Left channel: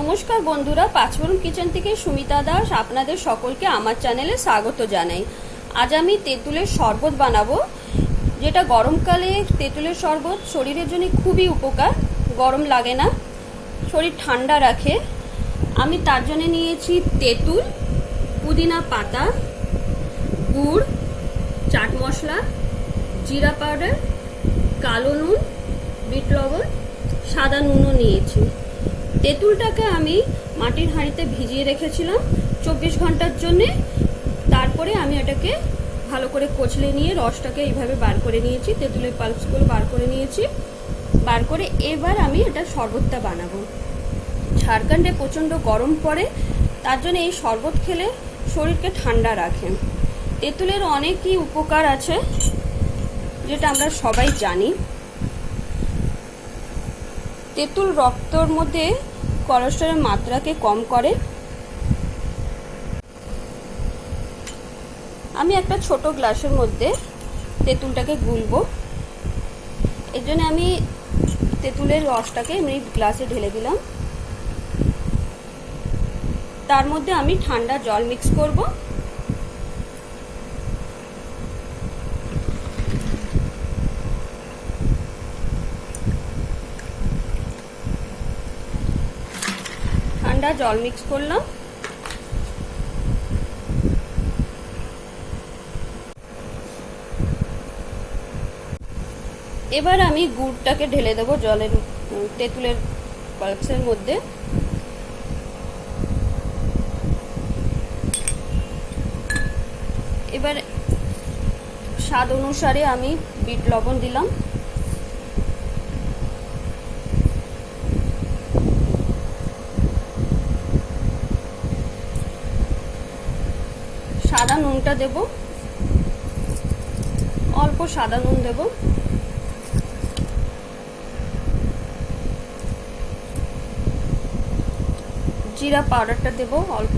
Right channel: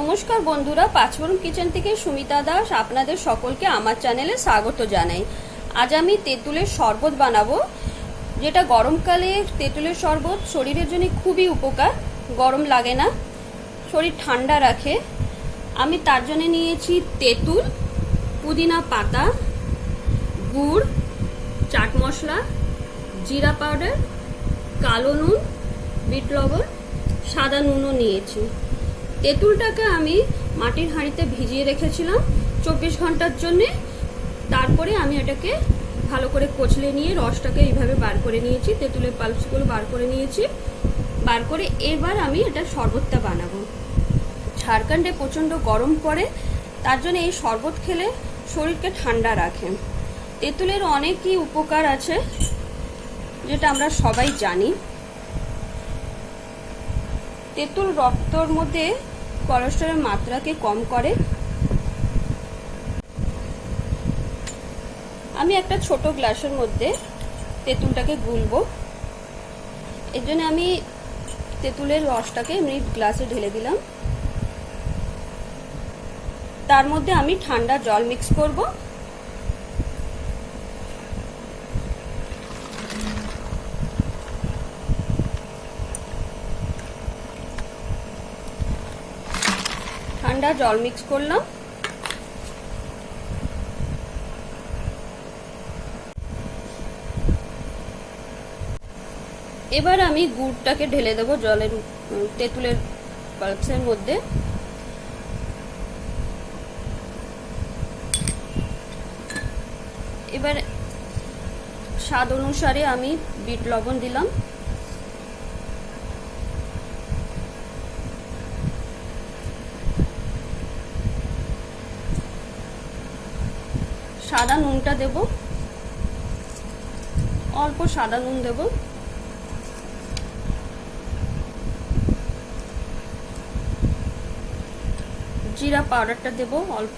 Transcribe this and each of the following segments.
নমস্কার বন্ধুরা, পাঁচফোড়ন কিচেন থেকে সুমিতা দাস আপনাদের সকলকে আমার চ্যানেলে স্বাগত জানাই। আজ আমি তেঁতুলের শরবত বানাবো, যেটা গরমকালে তেঁতুলের শরবত শরীরের জন্য খুবই উপকার। গরম লাগে না, শরীর ঠান্ডা রাখে। আমি তার জন্য নিয়েছি তেঁতুল, পুদিনা পাতা, গুড়, চাট মশলা, জিরা পাউডার, কালো নুন, বিট লবণ, সাদা নুনও নিয়েছি। তেঁতুলটাকে আমি মাটির হাঁড়িতে ভিজিয়ে রেখেছিলাম 24 ঘন্টার জন্যে। তারপরে আমি এটাকে ভালো করে কচলে নিয়ে রসটাকে এইভাবে বার করে নিয়েছি, তেঁতুলের পাল্পসগুলো বার করে নিয়েছি। বার করে এবার আমি এটা শরবতটা বানাবো। ঝাড়খণ্ডে প্রচণ্ড গরম পড়ে, তার জন্য এই শরবত খেলে শরীরকে ঠান্ডা রাখে। তেঁতুলের অনেকই উপকার আছে, যেটা আমরা সবাই জানি। তেঁতুল রক্তর মধ্যে কোলেস্টেরলের মাত্রাকে কম করে। আমি একটা ছোট গ্লাসের মধ্যে তেঁতুলটাকে গুলবো। এর জন্য আমি তেঁতুলের রসটাকে এমনি গ্লাসে ঢেলে দিলাম। তার মধ্যে আমি ঠান্ডা জল মিক্স করব। ঠান্ডা জল মিক্স করলাম। এবার আমি গুড়টাকে ঢেলে দেবো জলের তেঁতুলের পাল্পসের মধ্যে। এবার স্বাদ অনুসারে আমি বিট লবণ দিলাম। সাদা নুনটা দেব, অল্প সাদা নুন দেব। জিরা পাউডারটা দেব অল্প।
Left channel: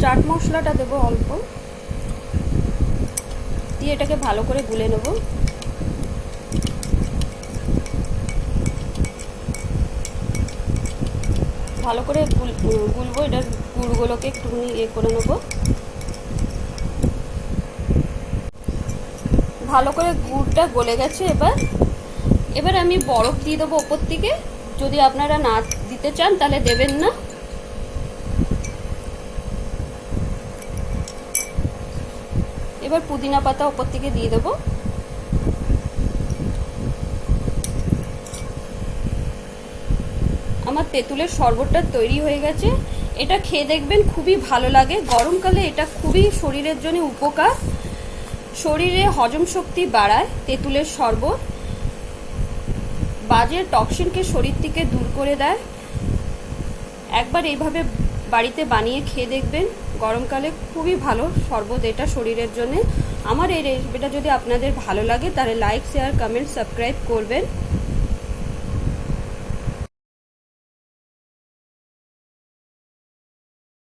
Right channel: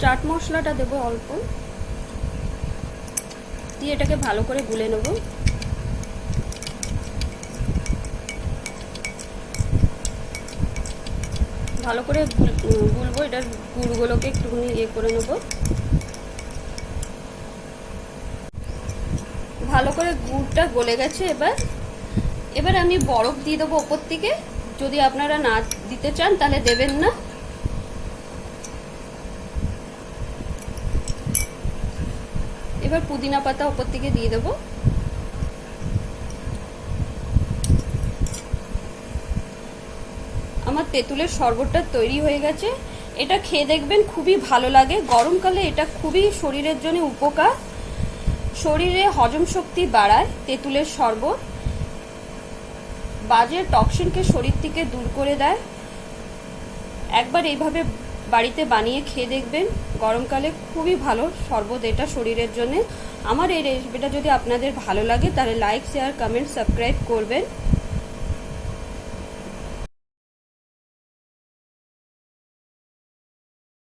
চাট মশলাটা দেব অল্প, দিয়ে এটাকে ভালো করে গুলে নেব। ভালো করে গুলবো, এটার গুড়গুলোকে একটুখানি করে নেব। ভালো করে গুড়টা গলে গেছে। এবার আমি বরফ দিয়ে দেবো ওপর থেকে। যদি আপনারা না দিতে চান তাহলে দেবেন না। এবার পুদিনা পাতা ওপর থেকে দিয়ে দেবো। আমার তেঁতুলের শরবতটা তৈরি হয়ে গেছে। এটা খেয়ে দেখবেন, খুবই ভালো লাগে। গরমকালে এটা খুবই শরীরের জন্য উপকার। শরীরে হজম শক্তি বাড়ায় তেঁতুলের শরবত। বাজে টক্সিনকে শরীর থেকে দূর করে দেয়। একবার এইভাবে বাড়িতে বানিয়ে খেয়ে দেখবেন, গরমকালে খুবই ভালো শরবত এটা শরীরের জন্য। আমার এই রেসিপিটা যদি আপনাদের ভালো লাগে তাহলে লাইক, শেয়ার, কমেন্ট, সাবস্ক্রাইব করবেন।